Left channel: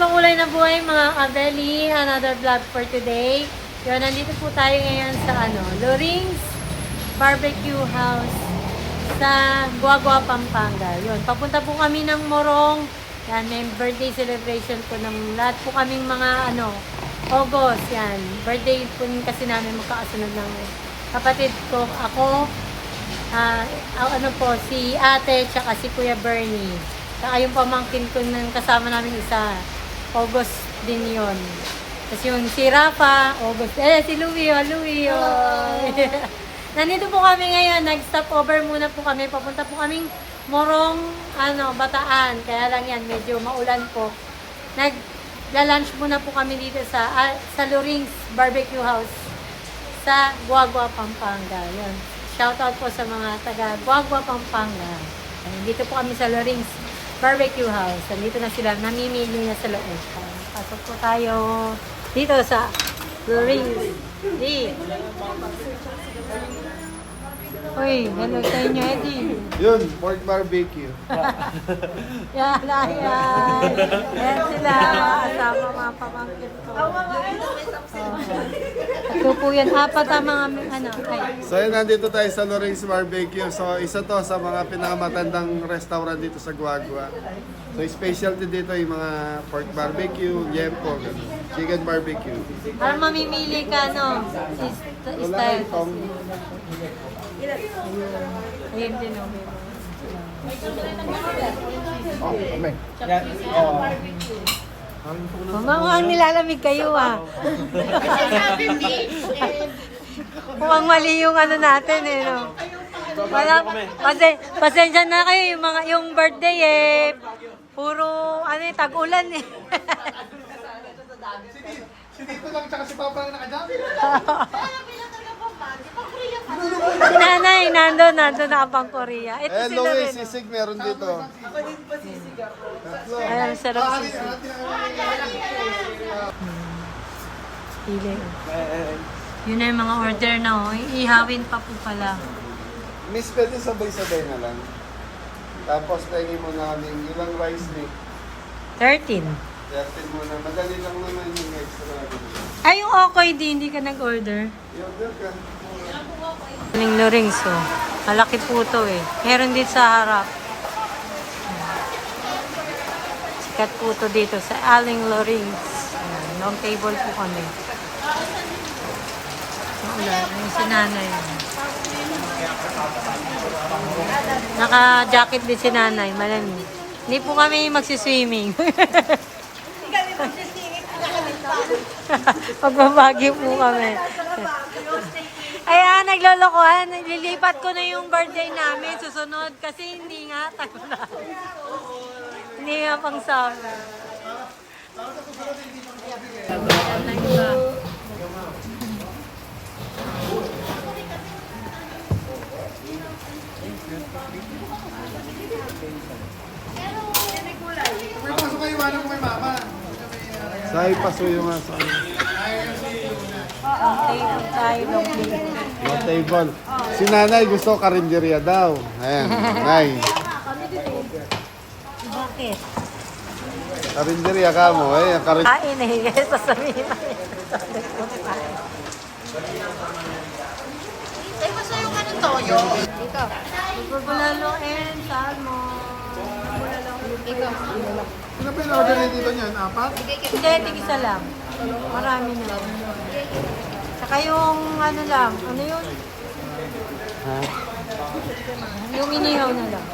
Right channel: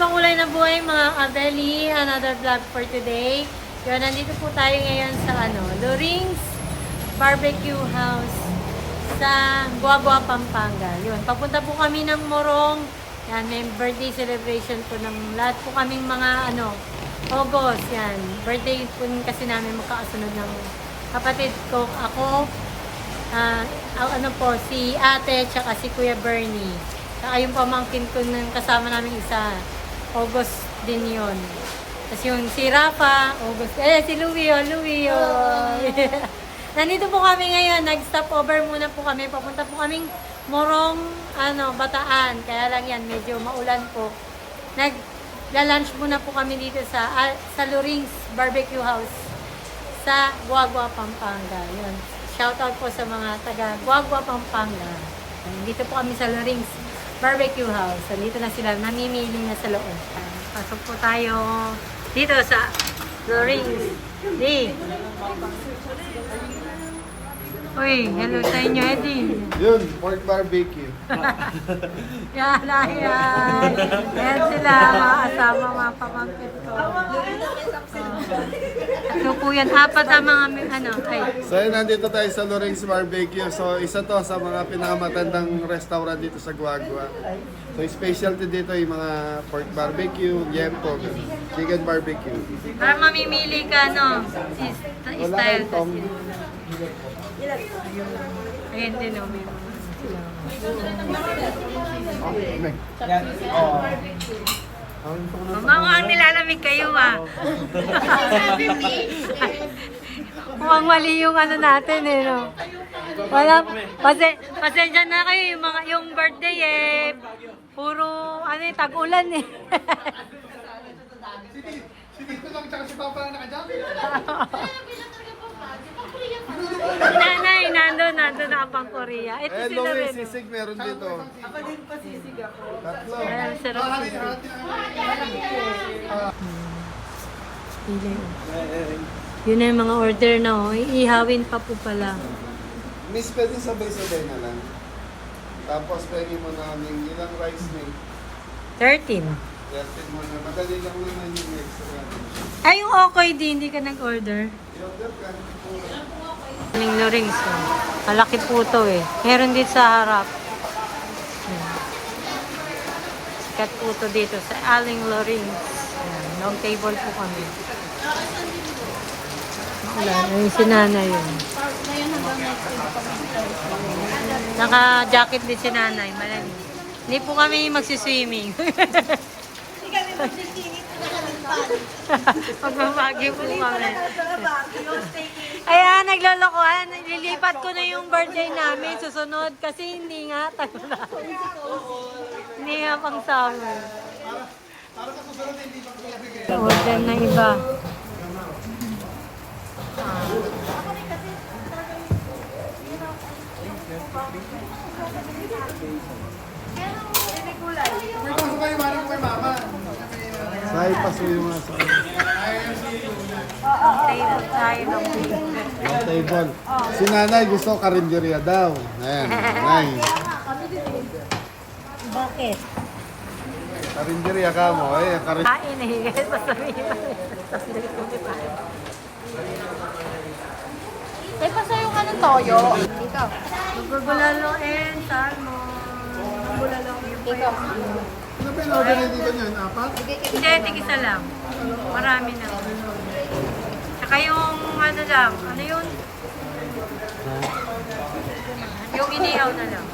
Pangulay na buhay mga kabeli, another vlog for today. Yun, nandito po tayo ngayon sa Loring's Barbecue House sa Guagua, Pampanga. Yun, papunta po kami ng Morong. Yan, may birthday celebration po ng lahat po kaming mga August. Yan, birthday po kasi namin magkakasunod ng kapatid ko. Ako, si ate, tsaka si Kuya Bernie. Tsaka yung pamangkin ko ng kasama namin isa. August din yun. Tapos yung si Rafa, August. Si Louie. Nandito po kami ngayon. Nag-stop over muna po kami. Papunta po kaming Morong, Bataan. Kaya lang yan, medyo maulan po. Nag-lunch muna po kami dito sa Loring's Barbecue House sa Guagua, Pampanga. Yun. Shoutout po sa mga taga Guagua, Pampanga. Nandito po kami sa Loring's Barbecue House. Nandito na sila, namimili na sa loob. Pasok po tayo dito sa Loring's. Uy, hello sa inyo, Eddie. Yun, pork barbecue. Yan. Ayan sila, mga asama, mga pamangkin ko. Ito po yan, apat ang mga So yun, nandito tayo sa Loring's Barbecue. So isa to sa mga pinakamatandang restaurant dito sa Guagua. So specialty dito yung mga pork barbecue, liempo, chicken barbecue. Para mamimili ka, Wala style kang ayun din, meron. Mga nilalamig kayo, Mukhang mali yung natin, Wala, pasensya na kayo, yung birthday, puro, tag-ulan, Dito lang tsaka si Papa na nakadami. Si nanay, nandun na pang Korea. Ito sila rin. Sisig meron dito. Ayan, sarap sisig. Pili, Yun na yung mga order na, Iihawin pa po pala. Miss, pwede sabay-sabay na lang. Tapos pwede mo namin ilang rice meal. 13. Reacted mo na. Madali lang naman yung extra. Ay, yung okay din, hindi ka nag-order. Aling Loring's, Malaki po ito, Meron dito sa harap. Sikat po ito dito sa Aling Loring's. Ayan, long table po kami. Maulan, yung sinanay yun. Naka-jacket din si nanay, malamig. Hindi po kami magsiswimming. Magbabagyo po kami. Ayan, naglolokohan. Naglilipat ko na yung birthday namin. Susunod kasi hindi nga tagulan. Hindi nga pang summer. Order na iba. Sahi paso yung asa. Yung table. Si nanay gusto karinderya daw. Ayan, nanay. Bakit? Karinderya ka mo. Kain eh. Sasabihin namin. Ay, basta yung toyo. Dito. Bulalo and salmon. Dito. Ano pa yung order dito niyan? Apat? Hindi, tig-isa lang. Marami na. Saka yung lang. Ano yun? Yung inihaw na lang.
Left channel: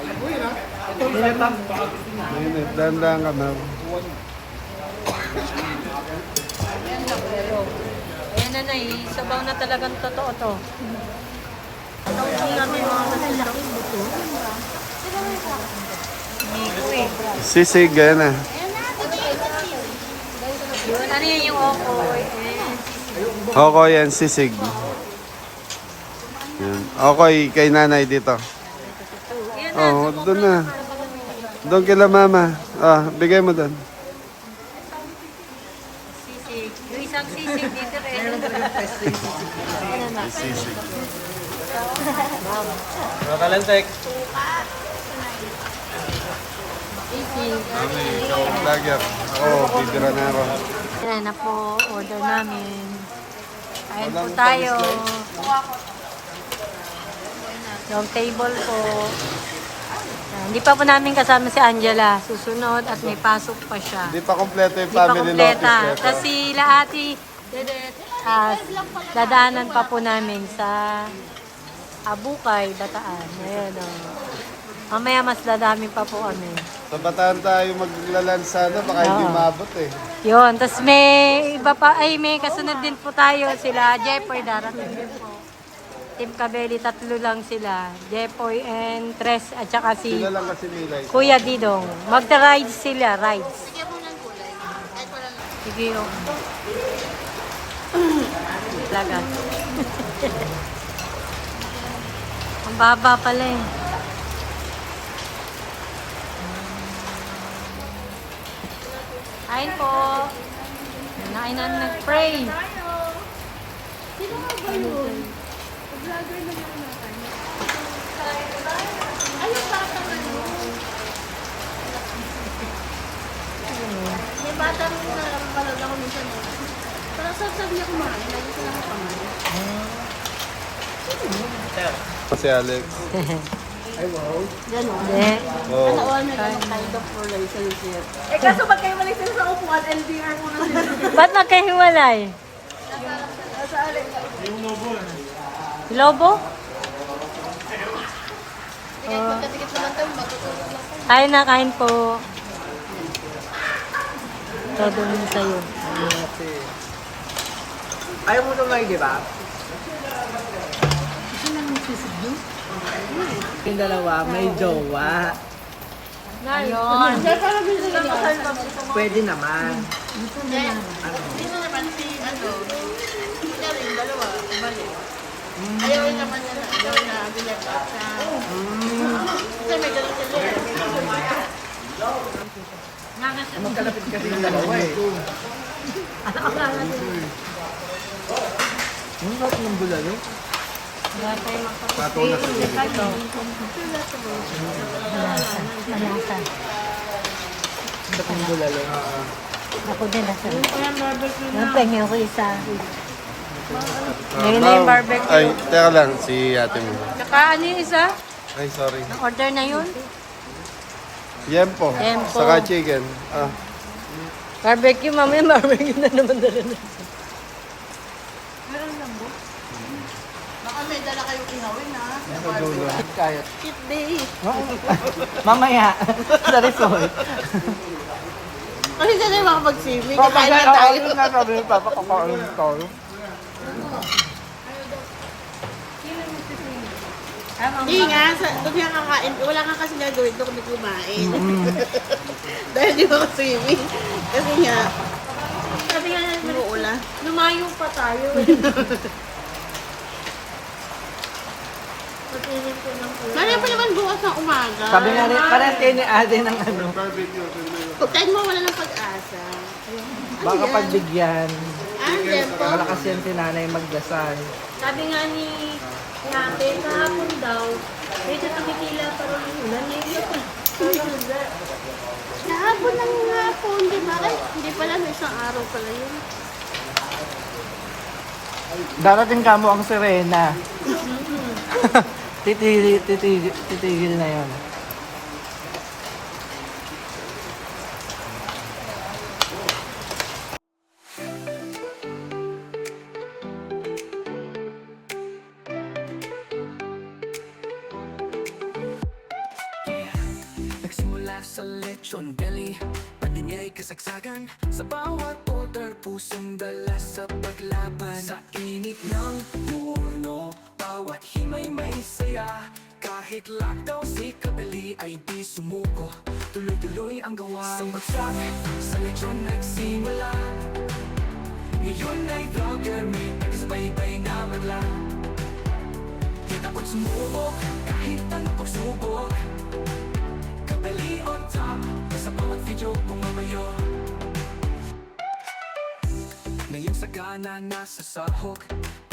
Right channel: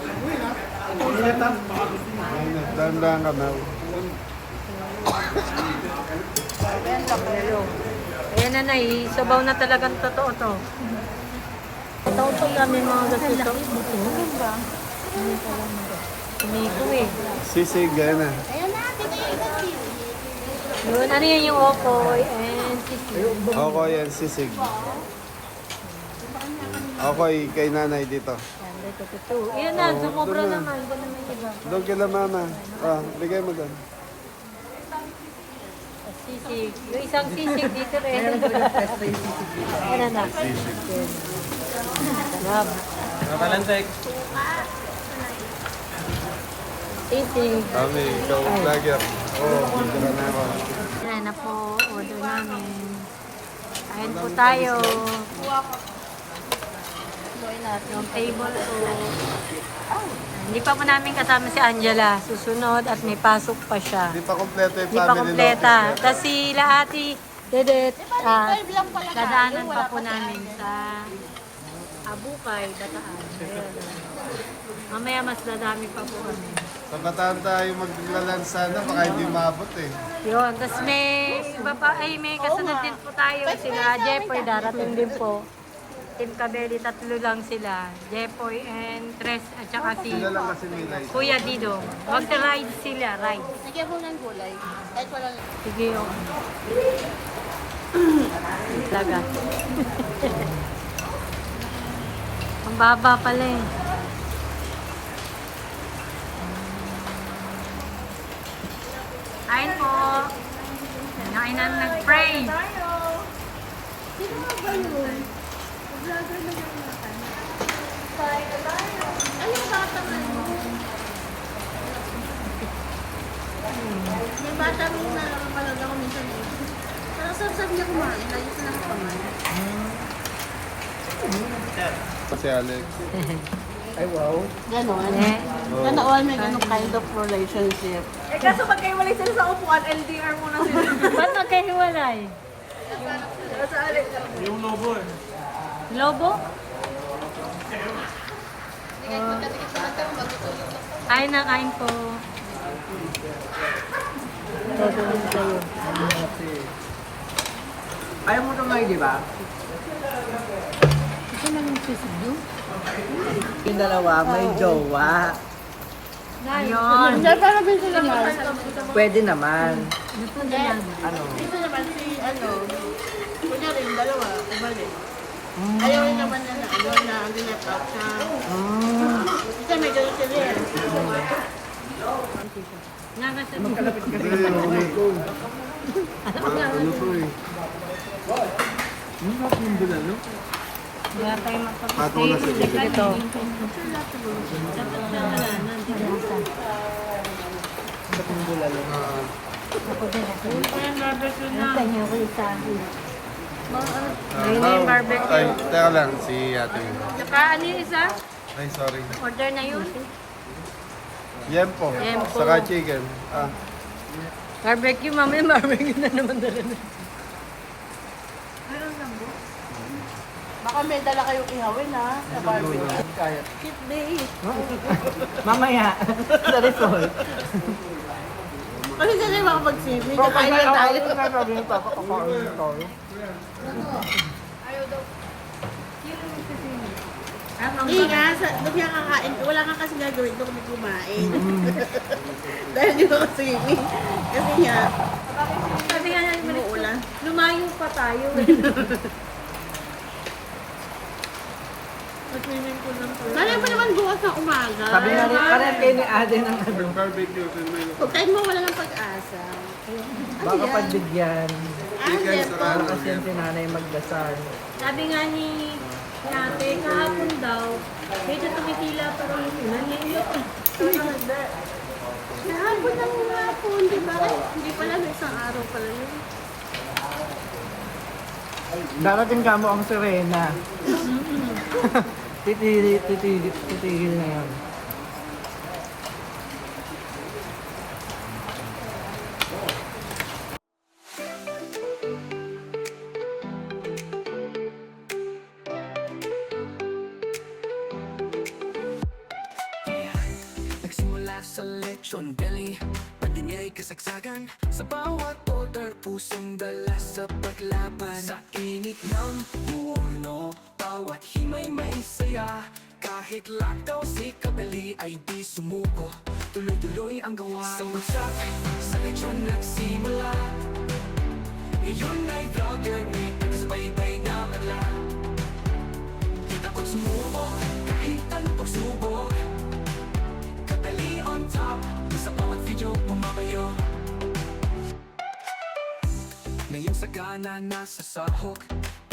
Dandan ka na. Bulalo. Ayan na sabaw na talagang totoo to. Totoo pa namin mga laki buto. Inigo Sisig, gana. Yun, ano yun yung okoy and sisig. Okay, yan, sisig. Yan. Okay, kay nanay dito. Iyan na, sumobra doon na. naman. Doon kila mama. Bigay mo doon. Sisig. sisig. Yung isang sisig dito rin. May sisig. Nakalentek. Sisig. Kami, ikaw ang vlogger. Ako, bigranero. Yan na po, order namin. Kain po tayo. Long table po. Hindi pa po namin kasama si Angela. Susunod at may pasok pa siya. Hindi pa kompleto yung Hindi family pa kompleta. lotus. Tapos si Laati, Dedet, dadaanan pa po namin sa Abukay, Bataan. Ayan, mamaya mas dadami pa po kami. Sa Bataan tayo maglalansa na, baka hindi maabot eh. Yun, tapos may iba pa, ay may kasunod din po tayo. Sila Jepoy, darating din po. Team Kabeli, 3 lang sila. Jepoy and Tres, at saka si Sila lang kasi nila. Kuya Didong. Magta-rides sila, rides. Lagyan mo ng gulay. Kahit wala lang. Sige yung. Laga. Ang baba pala eh. Kain po. Kain na nag-pray. Sino nga ba yun? Vlogger na yung nakan. Ay, yung bata na yun. May bata rin na nakakalala ko minsan eh. Pero sabi niya kumain, lagi silang kumain. Si Alex. Ganon. Yeah. Oh. Noon may ganun kind of relationship. Eh kaso magkaiwalay sila sa upuan and dinner muna sila. Ba't magkahiwalay? Yung lobo eh. Lobo? Katikit naman tayo, matutulog lang po. Kain na, kain po. Nadun sa'yo. Ayaw mo tumayo, di ba? Yung dalawa, may jowa. Ayun. Pwede naman. Gusto naman si, kunya rin, dalawa, kubalik. Ayaw rin naman niya na, na dinep out siya. Kasi may ganun sila eh. Wala tayong magpapatay. Pato na siguro. Ako din. Yun ko lang barbecue na. Tingin ko isa. Ngayon na yung barbecue. Ay, teka lang, si ate mo. Saka ano yung isa? Ay, sorry. Order na yun? Yempo. Yempo. Saka chicken. Ah. Barbecue, mamaya barbecue na naman dala na. Baka may dala kayong ihawin ha, sa barbecue. Cheat day. Mamaya, sa resort. Kasi saan na yung makapag-swimming, kakain na tayo. Hindi nga, doon nga kakain, wala nga kasi gagawin doon kung kumain. Dahil di makaswimming. Kasi nga, Sabi nga naman, umuulan. lumayo pa tayo. Pag-swimming ko lang pala. Sana pa naman bukas na umaga. Sabi nga rin, parang ni Ate ng Barbecue. Pagkain mo, wala ng pag-asa. Ano baka yan? pagbigyan. Chicken, Ito. saka Kasi yung sinanay magdasal. Sabi nga ni ate, kahapon daw, medyo tumitila pa rin yung ulan. Ngayon na pa. Nahapon ng hapon, di ba? Ay, hindi pala, no, isang araw pala yun. Darating ka mo ang sirena. Titigil na yun. Nagsimula sa lechon belly, padinyay kasagsagan. Sa bawat order, pusong dala sa paglaban. Sa init ng urno, bawat himay may saya. Kahit lockdown si Kabeli ay di sumuko, tuloy-tuloy ang gawa. Sa bagsak, sa lechon nagsimula. Ngayon ay vlogger, may tagasabay-bay na magla. Di takot sumubok, kahit anong pagsubok. Kabeli on top, sa bawat video bumamayo. sagana nasa sahog,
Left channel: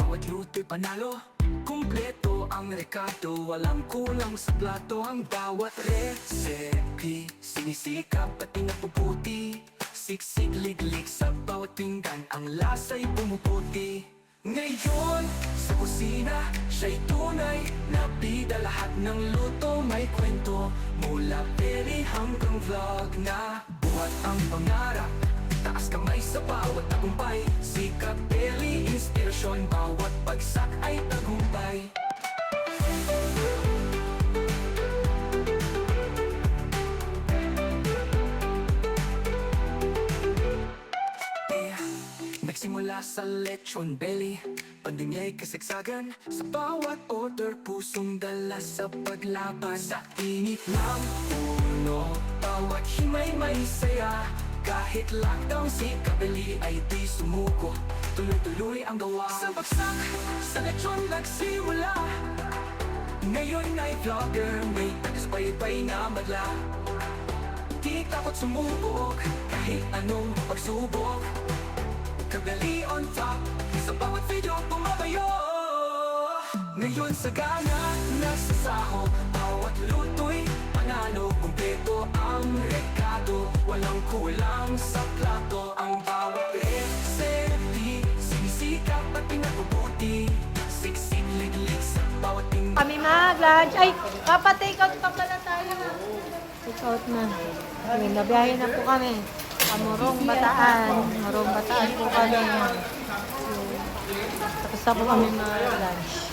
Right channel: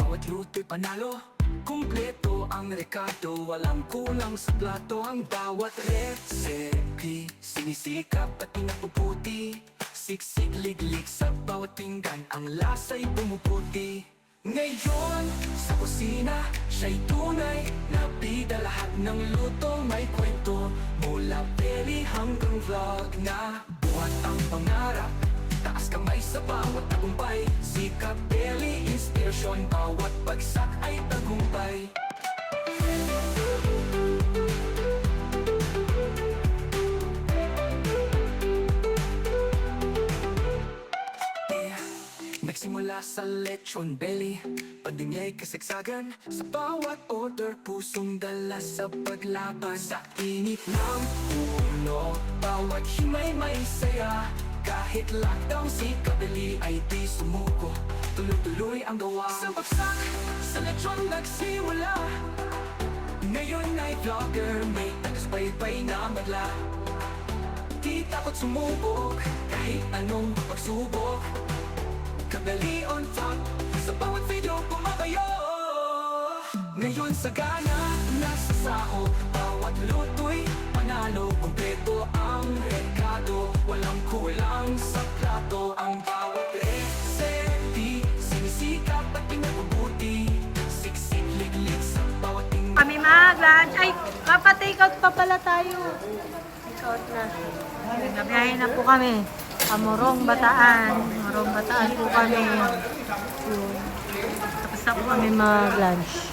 bawat luto'y panalo. Kumpleto ang rekado, walang kulang sa plato. Ang bawat recipe, sinisikap at pinapuputi. Siksik, liglig sa bawat pinggan, ang lasa'y pumuputi. Ngayon, sa kusina, siya'y tunay na bida. Lahat ng luto may kwento, mula peri hanggang vlog na buhat ang pangarap. Taas kamay sa bawat tagumpay, sikap, belly, inspirasyon. Bawat bagsak ay tagumpay. Nagsimula sa lechon belly, pandemya'y kasagsagan. Sa bawat order, pusong dala sa paglaban. Sa init ng puno, bawat himay may saya. Kahit lockdown, si Kabeli ay di sumuko. Tuloy-tuloy ang gawa. Sa bagsak, sa lechon nagsimula. Ngayon ay vlogger, may tagasbaybay na madla. Di takot sumubok, kahit anong pagsubok. Kabeli on top, sa bawat video pumabayo. Ngayon sagana, nasa sahog, bawat luto'y panalo. Kumpleto ang rekado, walang kulang sa plato. Ang bawat recipe, sinisikap at pinapabuti. Siksik, liglig sa bawat tingin. Kami mag-lunch. Ay, take out pa pala tayo. Take out na. Nabiyahe na po kami. Morong Bataan. Morong Bataan po kami. Yun. Tapos na po kami mag-lunch.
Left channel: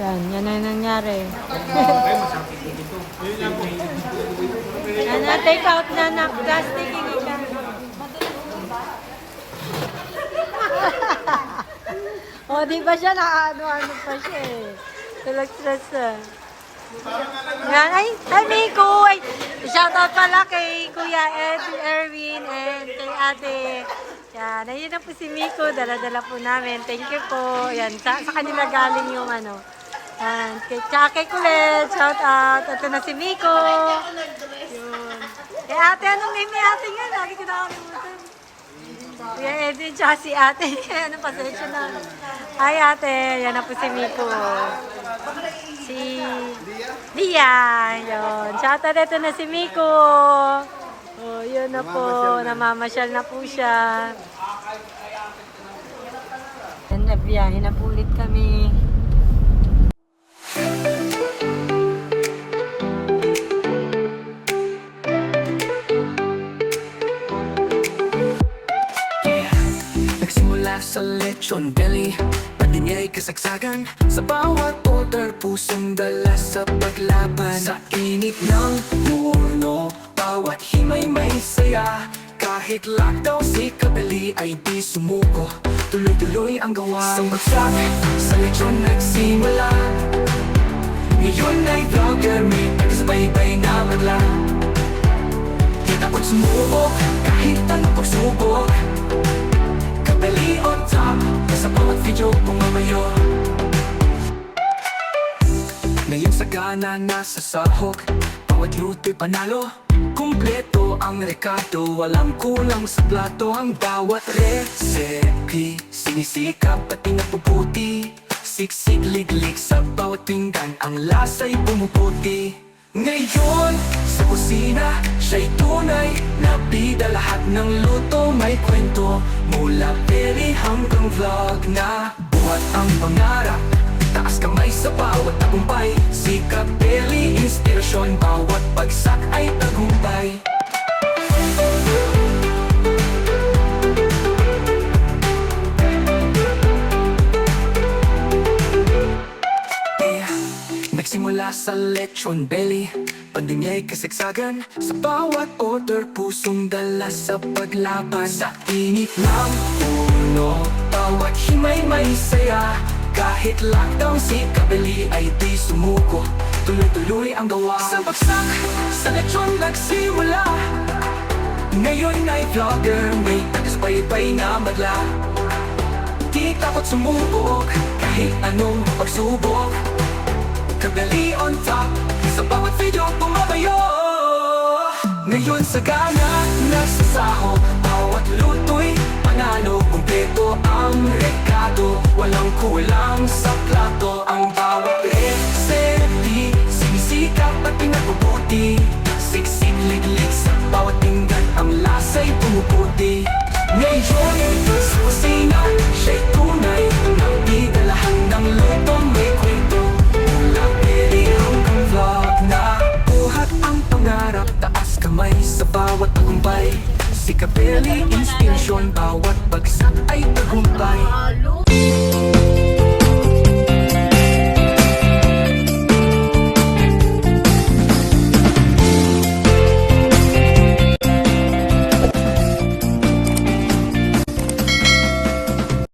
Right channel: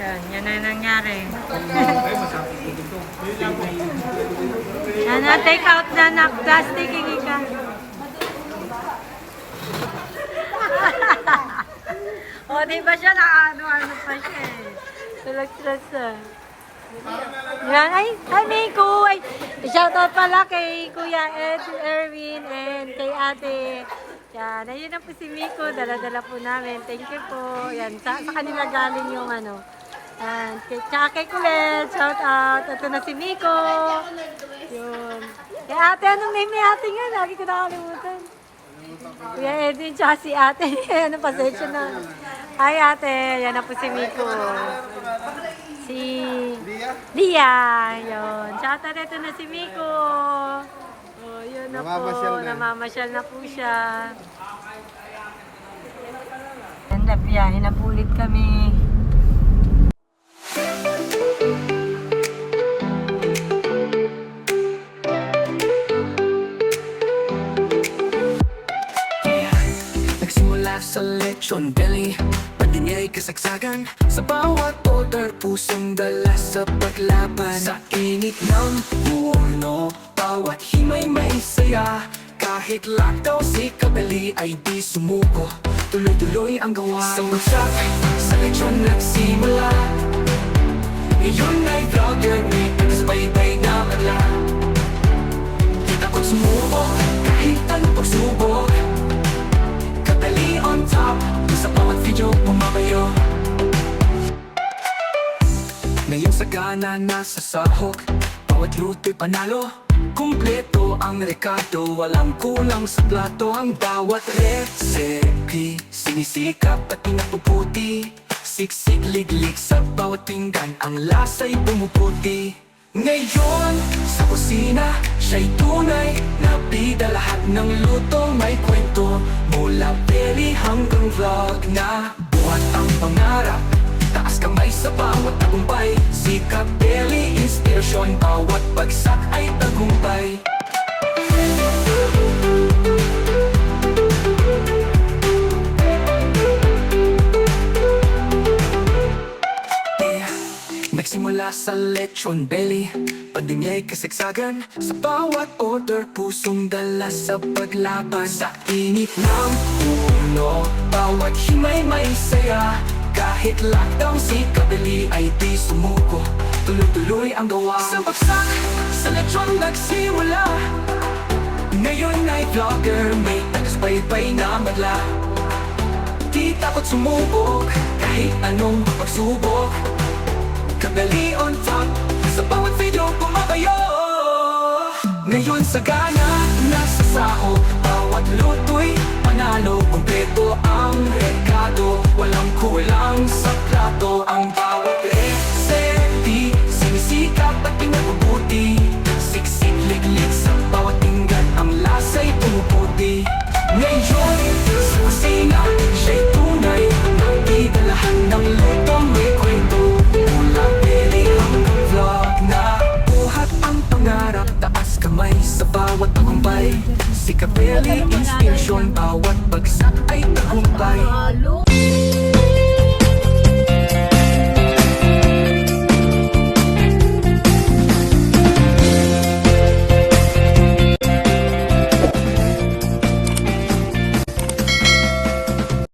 Yan na nangyari. Yan na, take out na na. Plastic, hindi ka. O, di ba siya nakaano-ano pa siya eh. Tulag-stress ah. Yan, ay, Miko! Ay, shoutout pala kay Kuya Ed, Erwin, and kay Ate. Yan, ayun na po si Miko, dala-dala po namin. Thank you po. Yan, sa kanila galing yung ano. And tsaka kay Kulet, shoutout. Ito na si Miko. Yun. Kay Ate, anong name ni Ate nga? Lagi ko nakalimutan. Kuya Edwin, tsaka si Ate. Ano, pasensya na. Hi Ate, yan na po si Miko. Si Dia, yun. Shoutout, ito na si Miko. Oh, yun na po. Namamasyal na po siya. Yan na, biyahe na po ulit kami. Nagsimula sa lechon belly, pandemya'y kasagsagan. Sa bawat order, pusong dala sa paglaban. Sa init ng puno, bawat himay may saya. Kahit lockdown, si Kabeli ay di sumuko. Tuloy-tuloy ang gawa. Sa bagsak, sa lechon nagsimula. Ngayon ay vlogger, may tagasbaybay na madla. Di takot sumubok, kahit anong pagsubok. Kabeli on top, sa bawat video pumabayo. Ngayon sagana nasa sahog, bawat luto'y panalo. Kumpleto ang rekado, walang kulang sa plato. Ang bawat recipe, sinisikap at pinapuputi. Siksik, liglig sa bawat pinggan, ang lasa'y pumuputi. Ngayon, sa kusina, siya'y tunay na bida. Lahat ng luto may kwento, mula peri hanggang vlog na buhat ang pangarap. Taas kamay sa bawat tagumpay, sikap, belly, inspirasyon. Bawat bagsak ay tagumpay. Nagsimula sa lechon belly, pandemya'y kasagsagan. Sa bawat order, pusong dala sa paglaban. Sa init ng puno, bawat himay may saya. Kahit lockdown, si Kabeli ay di sumuko. Tuloy-tuloy ang gawa. Sa bagsak, sa lechon nagsimula. Ngayon ay vlogger, may tagasbaybay na madla. Di takot sumubok, kahit anong pagsubok. Kabeli on top, sa bawat video pumabayo. Ngayon sagana, nasa sahog, bawat luto'y panalo. Kumpleto ang rekado, walang kulang sa plato. Ang bawat reseti, sinisikap at pinapabuti. Siksik liglig sa bawat pinggan, ang lasa'y pumuputi. Ngayon, sa kusina, siya'y tunay. Nagdidalahan ng lutong may kwento. Mula pili hanggang vlog na buhat ang pangarap. Taas kamay sa bawat tagumpay. Si Capelli, inspirasyon, bawat bagsak ay tagumpay.